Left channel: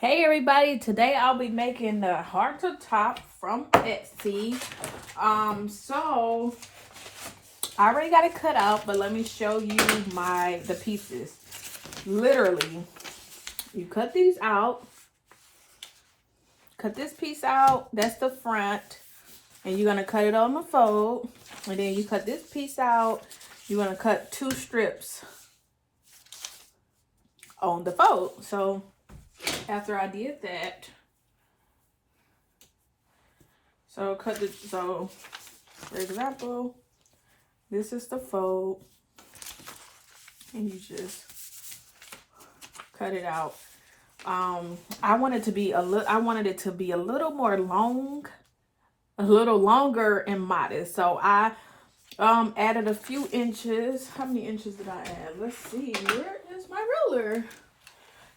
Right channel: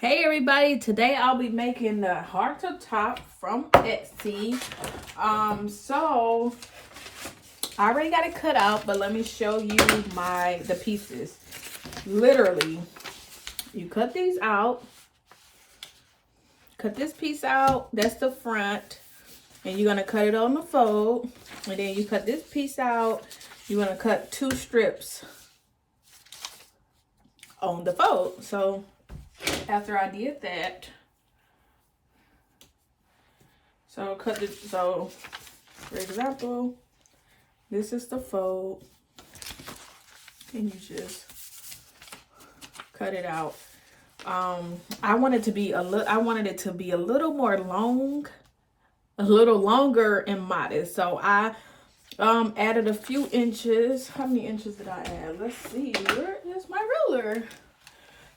Hey everybody, today I'll be making the halter top from Etsy. So I already got it cut out, but let me show you the pieces. Literally, you cut these out. Cut this piece out, that's the front. And you're gonna cut it on the fold. And then you cut this piece out. You're gonna cut 2 strips on the fold. So after I did that, so for example, this is the fold, and you just cut it out. I wanted it to be a little more long, a little longer and modest. So I added a few inches. How many inches did I add? Let's see. Where is my ruler?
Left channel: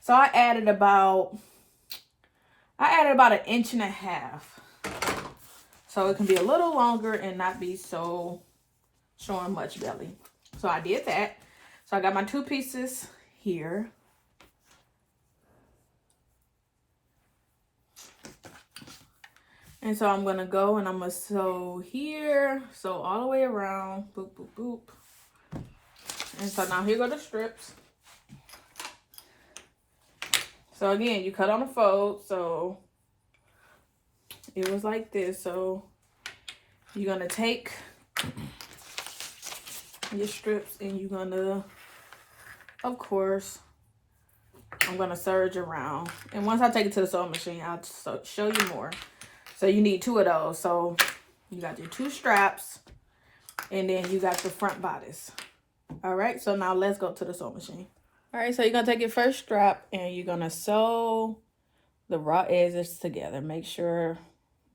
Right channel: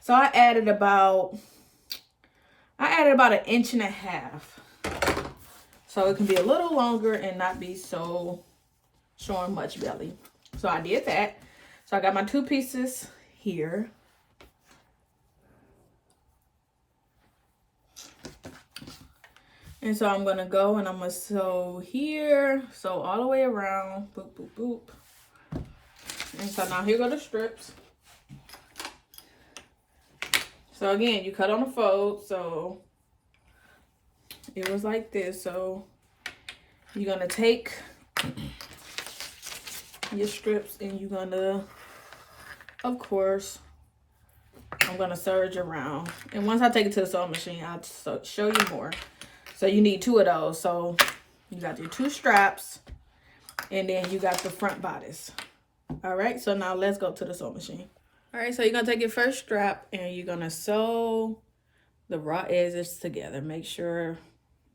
So I added about 1.5 inches. So it can be a little longer and not be so showing much belly. So I did that. So I got my 2 pieces here. And so I'm gonna go and I'm gonna sew here. Sew all the way around. Boop, boop, boop. And so now here go the strips. So again, you cut on the fold, so it was like this. So you're gonna take your strips and you're gonna, of course, I'm gonna serge around. And once I take it to the sewing machine, I'll show you more. So you need 2 of those. So you got your 2 straps and then you got the front bodice. All right, so now let's go to the sewing machine. All right, so you're gonna take your first strap and you're gonna sew the raw edges together. Make sure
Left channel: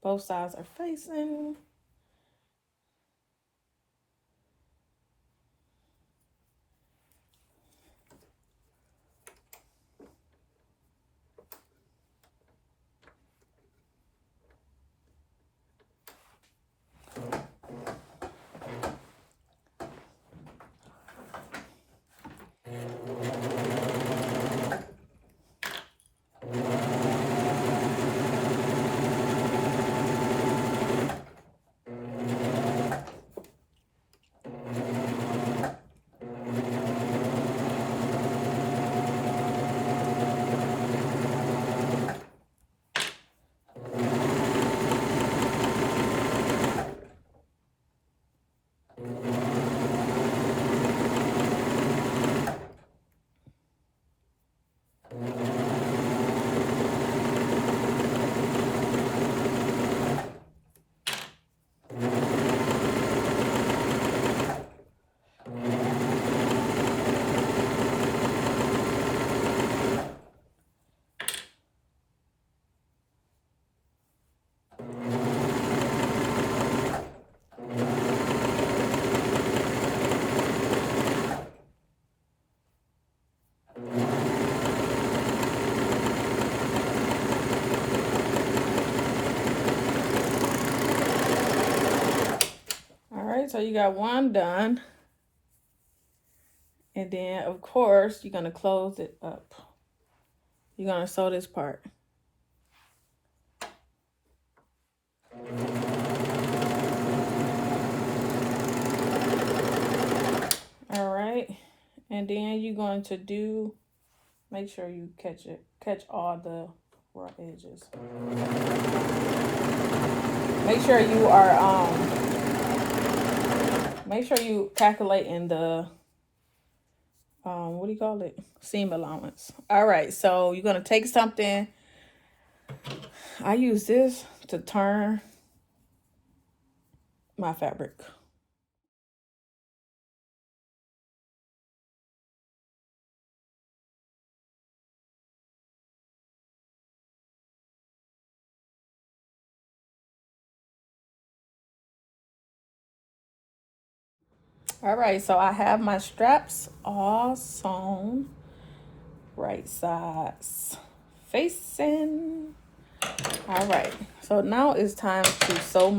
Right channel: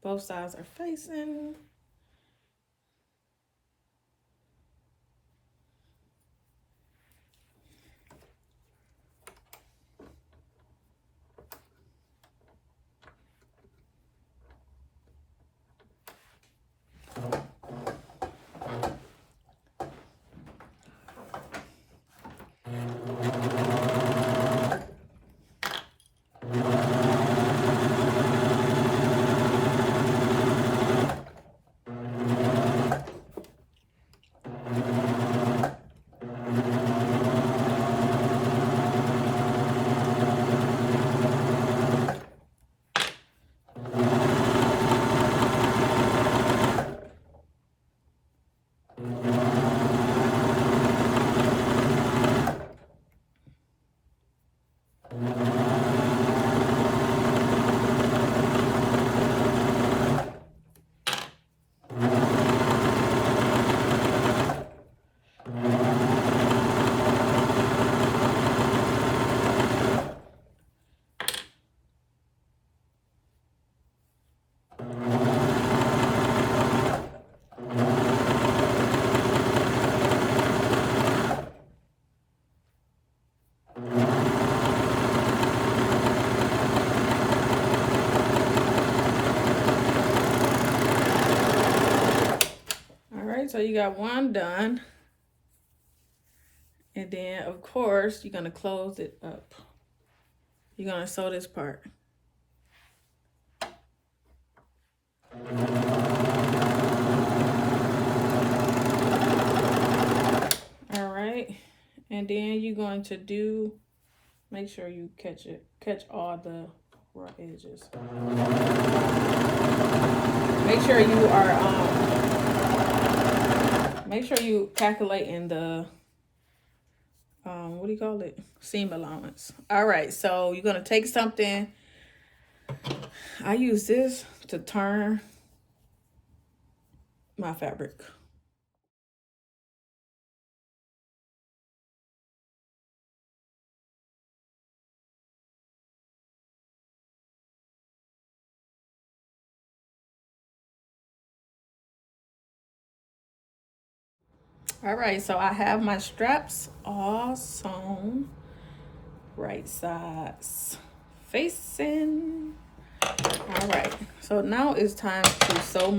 both sides are facing. So you got 1 done. And then, of course, you're going to close it up. You're going to sew this part. All right. And then you're going to make sure you catch all the raw edges. Make sure you are, make sure you calculate in the, what do you call it? Seam allowance. All right, so you're gonna take something. I use this to turn my fabric. All right, so I have my straps all sewn, right sides facing. All right, so now it's time to sew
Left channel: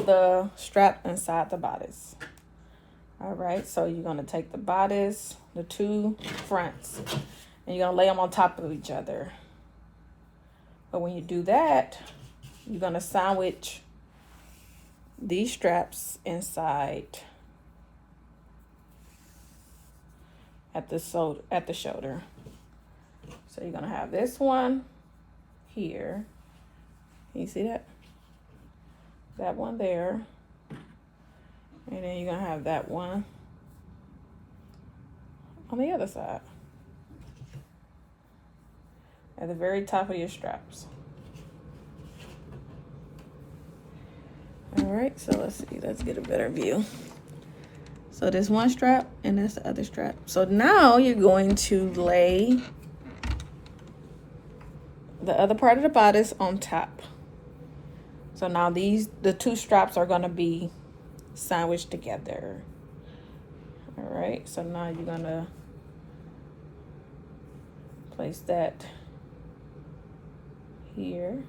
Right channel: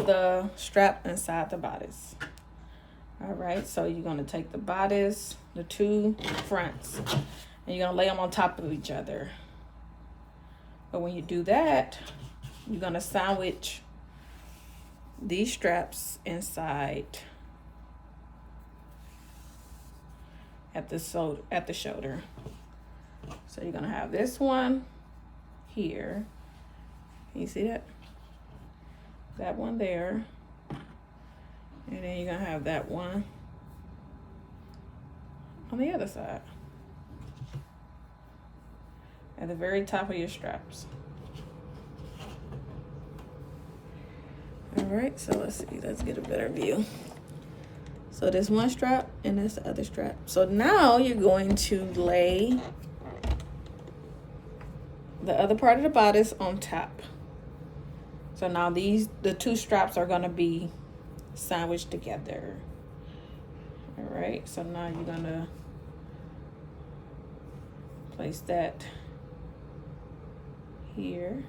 the strap inside the bodice. All right, so you're gonna take the bodice, the 2 fronts, and you're gonna lay them on top of each other. But when you do that, you're gonna sandwich these straps inside at the shoulder. So you're gonna have this one here. You see that? That one there. And then you're gonna have that one on the other side. At the very top of your straps. All right, so let's see, let's get a better view. So there's one strap and there's the other strap. So now you're going to lay the other part of the bodice on top. So now the two straps are gonna be sandwiched together. All right, so now you're gonna place that here.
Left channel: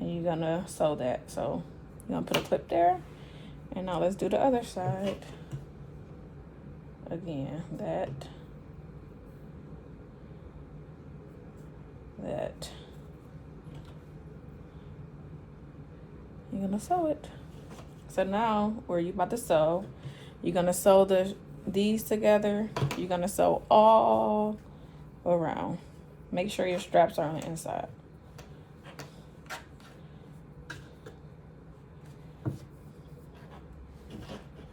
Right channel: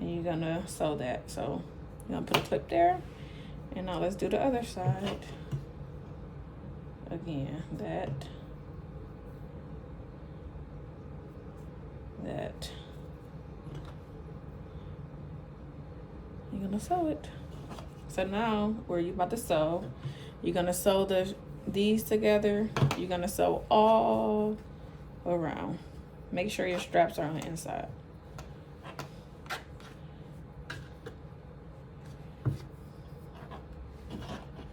And you're gonna sew that. So you're gonna put a clip there. And now let's do the other side. Again, that. You're gonna sew it. So now, where you're about to sew, you're gonna sew these together. You're gonna sew all around. Make sure your straps are on the inside.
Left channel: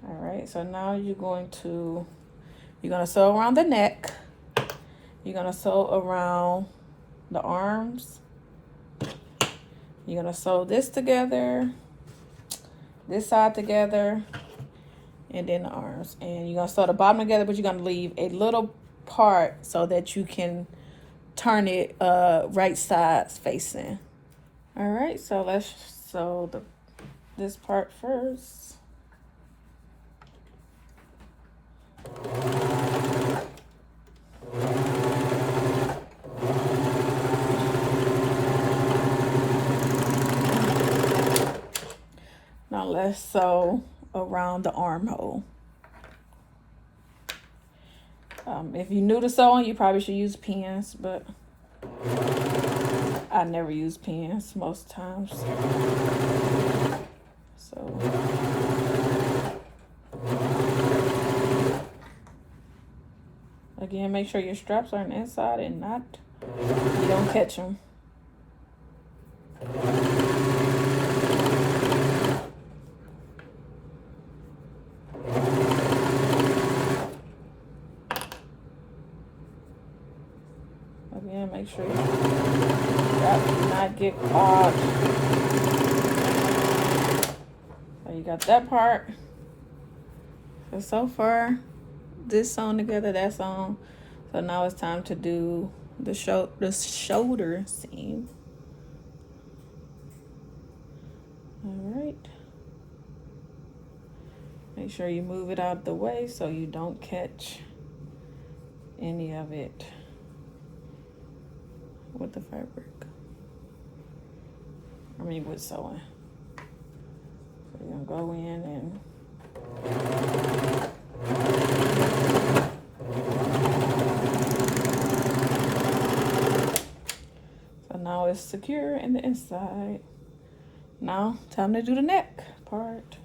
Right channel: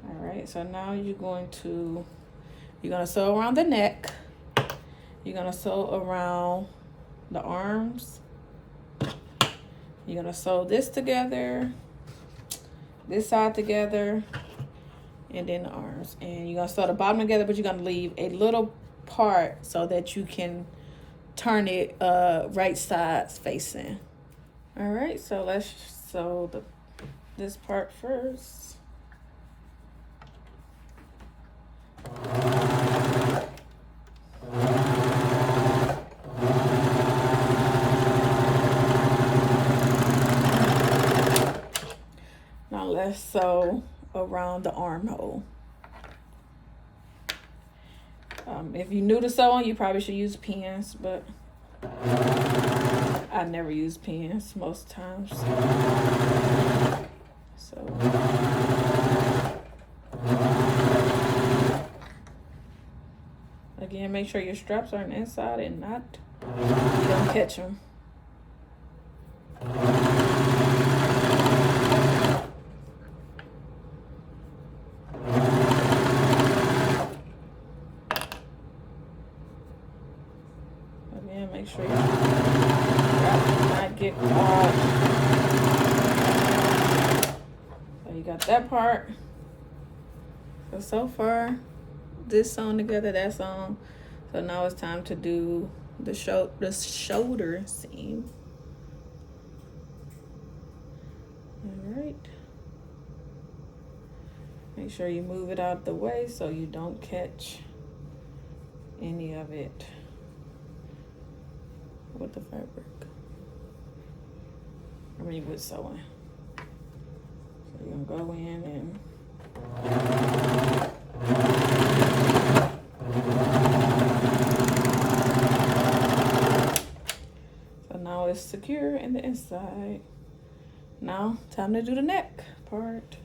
All right, so now you're gonna sew around the neck. You're gonna sew around the arms. You're gonna sew this together, this side together, and then the arms. And you're gonna sew the bottom together, but you're gonna leave a little part so that you can turn it right sides facing. All right, so let's sew this part first. Now let's sew around the armhole. If you're new to sewing, you probably should use pins, but I never use pins most times. So again, make sure your straps are on the inside and not, you don't catch them. Again, make sure your straps do not get caught. So you got that part. So far, this sewn together, that's on. So now it's time to do the shoulder seam. All right. Make sure you move it out of the way so you don't catch any of it with the fabric. I mean, with sewing. So you're gonna go in and so now it's secure in the inside. Now, time to do the neck part.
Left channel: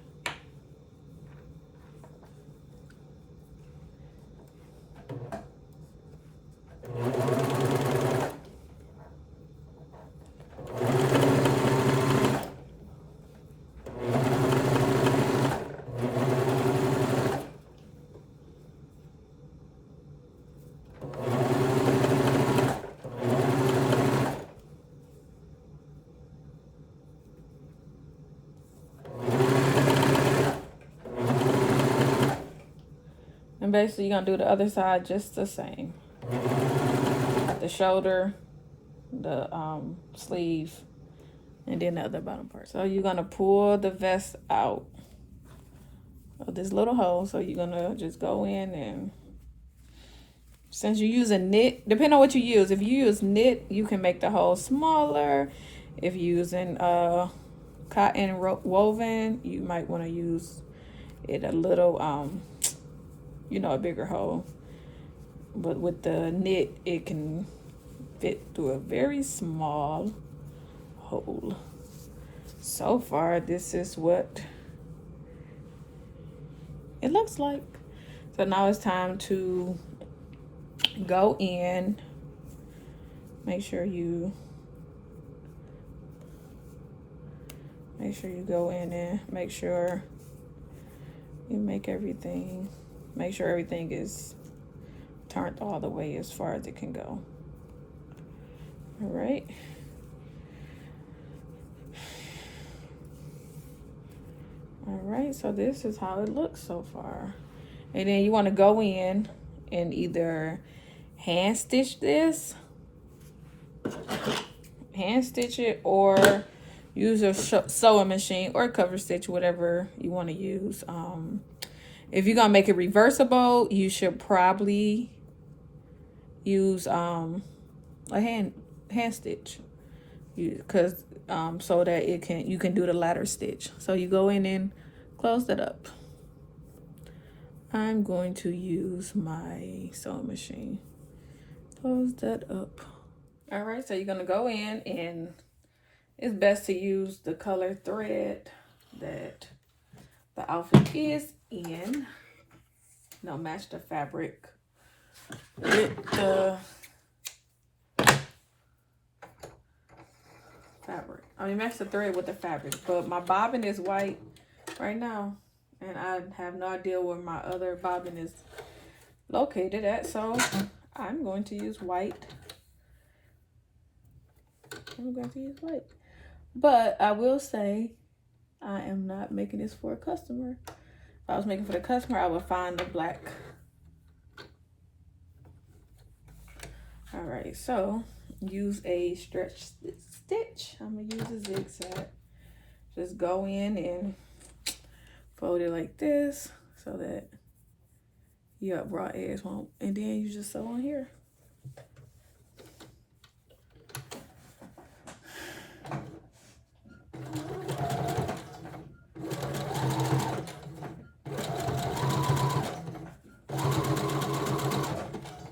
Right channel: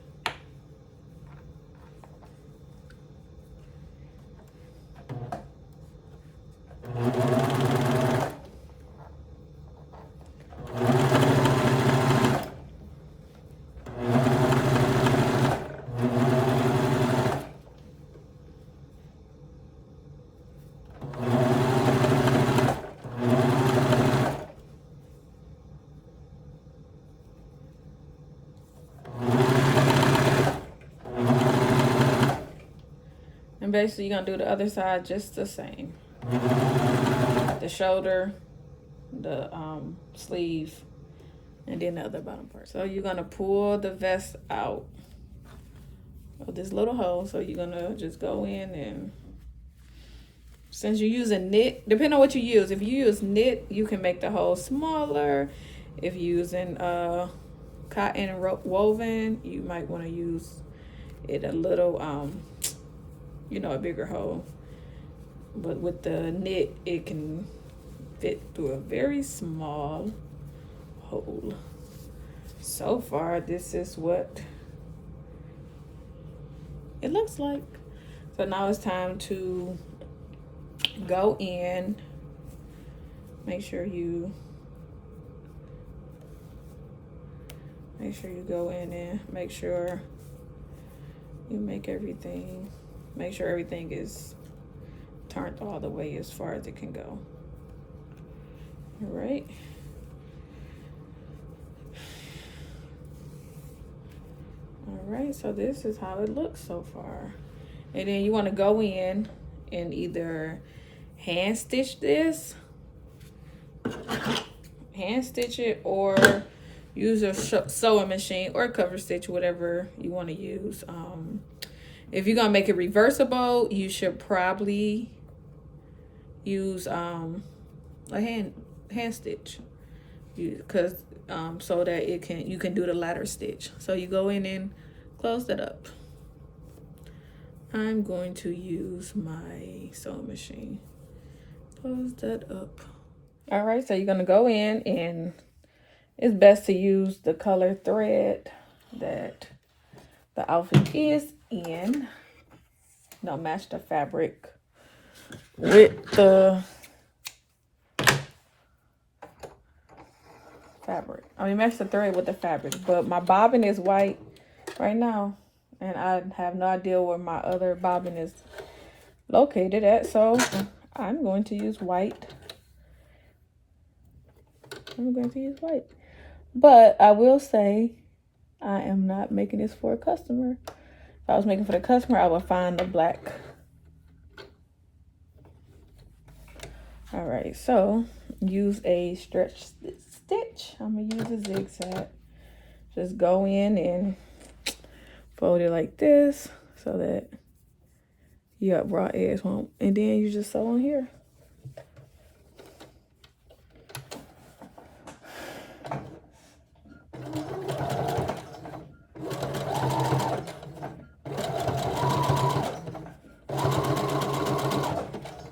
And basically you're gonna do the other side just the same. The shoulder, the sleeve, and then the other bottom part. So you're gonna pull the vest out of this little hole. So you're gonna just go in, and since you're using knit, depending on what you use, if you use knit, you can make the hole smaller. If you're using cotton woven, you might want to use it a little you know, a bigger hole. But with the knit, it can fit through a very small hole. So far, this is what it looks like. So now it's time to go in. Make sure you go in and make sure you make sure everything is turned all the way as far as it can go. All right. All right, so this is how it looks so far. And then you want to go in and either hand stitch it, or use a sewing machine or cover stitch, whatever you want to use. If you're gonna make it reversible, you should probably use a hand stitch, because so that you can do the ladder stitch. So you go in and close that up. I'm going to use my sewing machine. Close that up. All right, so you're gonna go in, and it's best to use the color thread that the outfit is in. Don't match the fabric with the fabric. I mean, match the thread with the fabric, but my bobbin is white right now, and I have no idea where my other bobbin is located at, so I'm going to use white. But I will say, I am not making this for a customer. If I was making for the customer, I would find the black. All right, so use a stretch stitch. I'm gonna use a zigzag. Just go in and fold it like this so that you got raw edge, and then you just sew on here.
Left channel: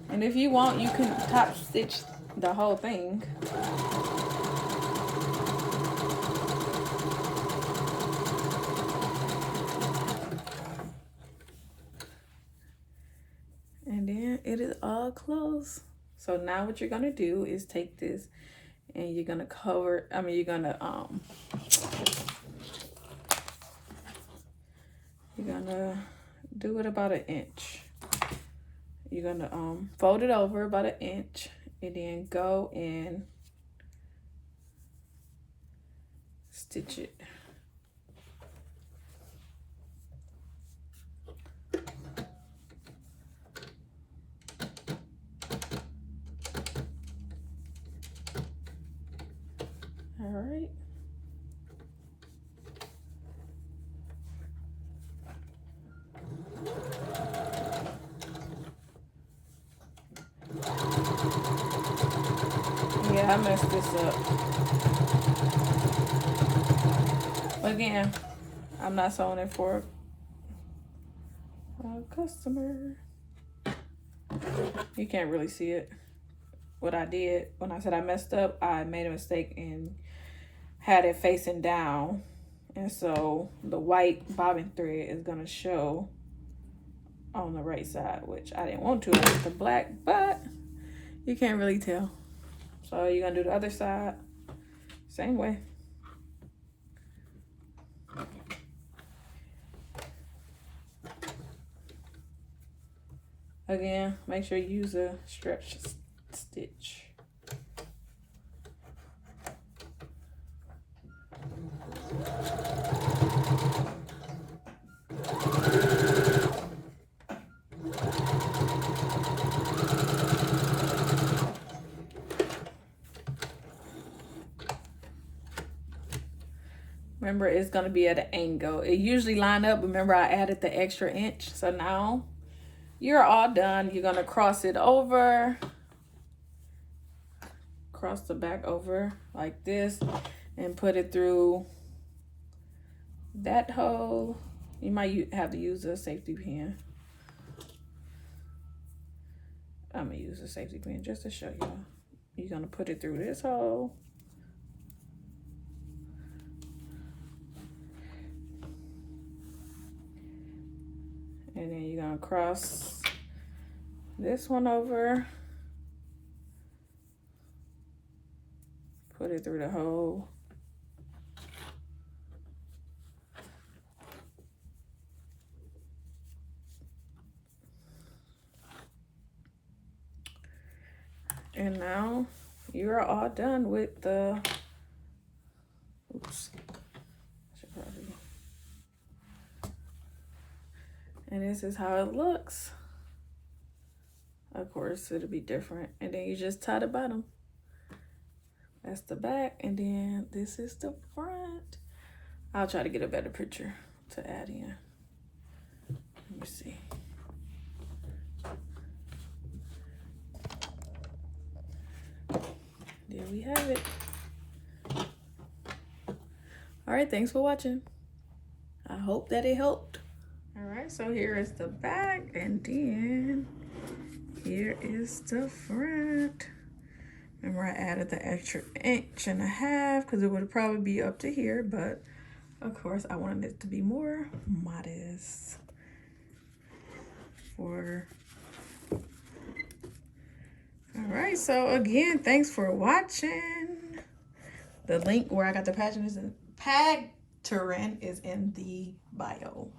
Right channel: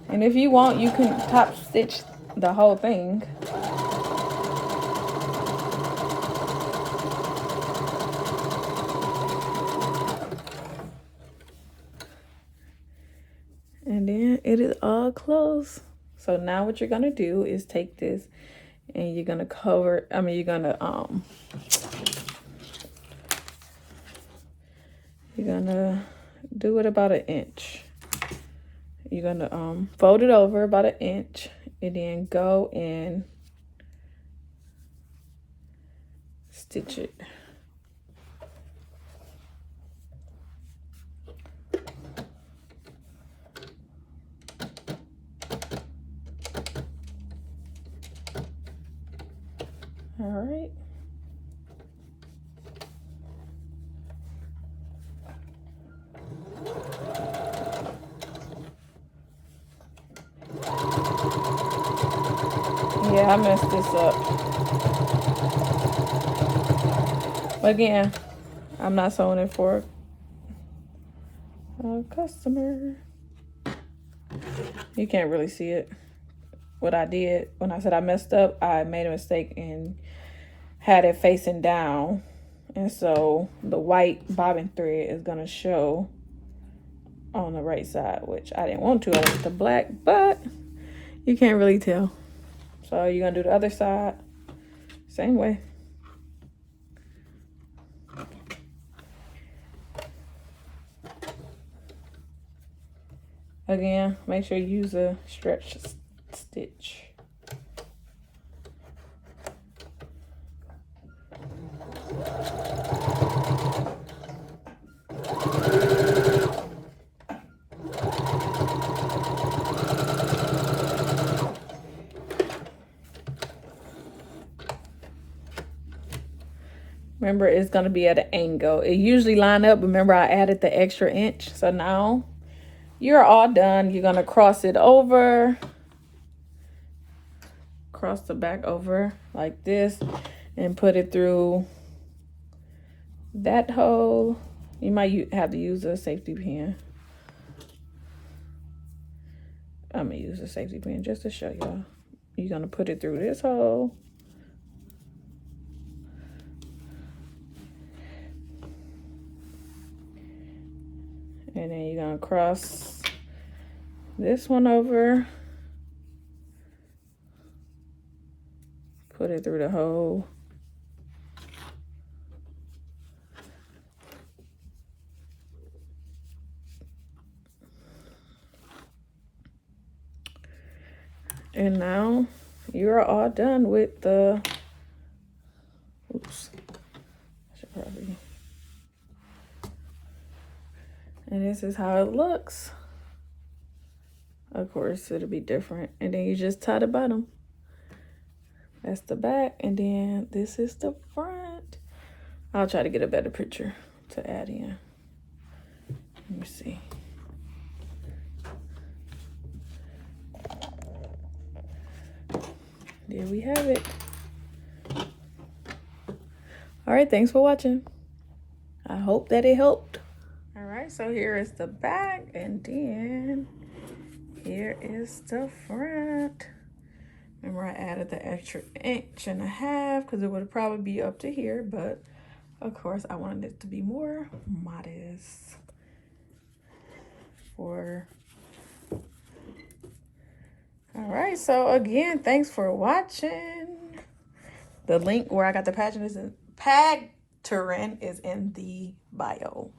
And if you want, you can top stitch the whole thing. And then it is all closed. So now what you're gonna do is take this and you're gonna do it about an inch. You're gonna fold it over about an inch, and then go and stitch it. All right. Yeah, I messed this up. Again, I'm not sewing it for a customer. You can't really see it. What I did when I said I messed up, I made a mistake and had it facing down. And so the white bobbin thread is gonna show on the right side, which I didn't want to. I want the black, but you can't really tell. So you're gonna do the other side, same way. Again, make sure you use a stretch stitch. Remember, it's going to be at an angle. It usually line up. Remember, I added the extra inch. So now you're all done. You're going to cross it over. Cross the back over like this and put it through that hole. You might have to use a safety pin. I'm gonna use a safety pin just to show y'all. You're gonna put it through this hole. And then you're gonna cross this one over. Put it through the hole. And now you're all done with the, oops, I should probably, and this is how it looks. Of course, it'll be different. And then you just tie the bottom. That's the back, and then this is the front. I'll try to get a better picture to add in. Let me see. There we have it. All right, thanks for watching. I hope that it helped. All right, so here is the back, and then here is the front. Remember, I added the extra 1.5 inches because it would probably be up to here, but of course I wanted it to be more modest for. All right, so again, thanks for watching. The link where I got the pattern is in the bio.